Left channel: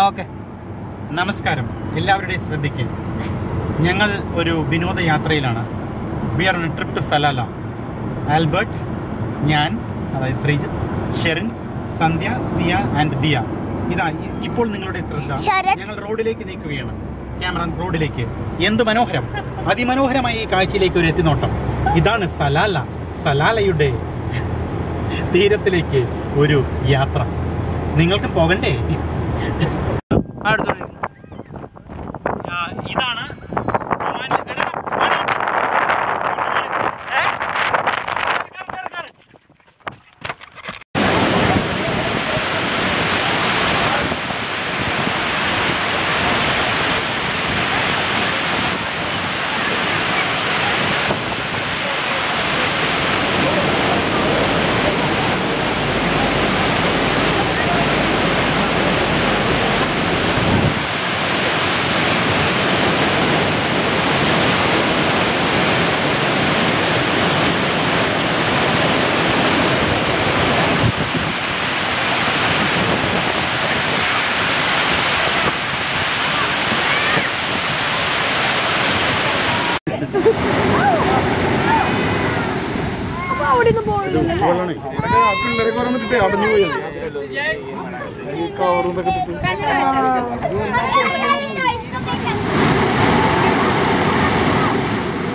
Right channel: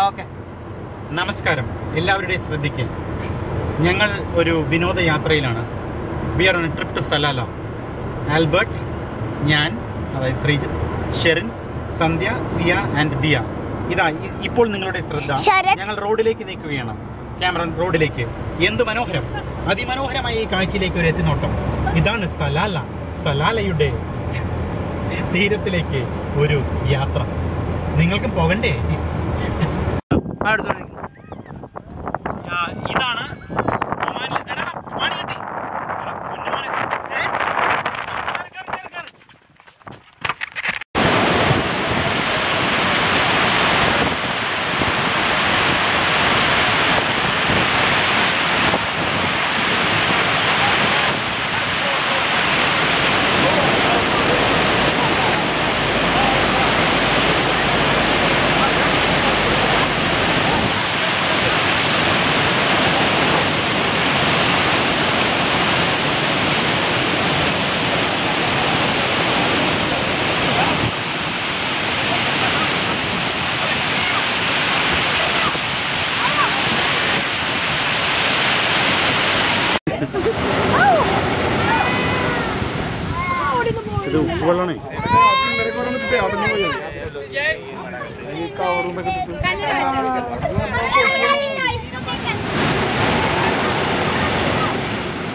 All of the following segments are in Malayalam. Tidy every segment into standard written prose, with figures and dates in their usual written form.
ഓക്കെ. നമസ്കാരം, എല്ലാവരുടെയും ശ്രദ്ധിക്കുക. ഞങ്ങൾ ഒരു വിനോദയാത്രയിലാണ്. We are on a trip to Salalah. Albert, ഞാൻ, അതായത് ശ്രീജിത്ത്, ഷെറിൻ, സന്ധ്യ, സിയ ആൻഡ് ദിയ. ഇതാ ഇപ്പോൾ നിങ്ങളുടെ ശ്രദ്ധ. ഞങ്ങൾ റോഡിലേക്ക് നീക്കുകയാണ്. ക്യാമറ റോഡിലേക്ക്. എന്ത് മനോഹരം, അതിമനോഹരമായ ഈ കാഴ്ചയിലേക്ക് ഒരു എത്തിനോട്ടം. ഇതാണ് സലാല. സലാലയുടെ തീരത്തിലേക്ക് ഒരു യാത്ര. നിങ്ങൾക്ക് പോകണ്ടേ? ഇതാണ്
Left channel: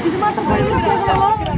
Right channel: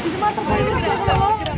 ഇത് മാത്രം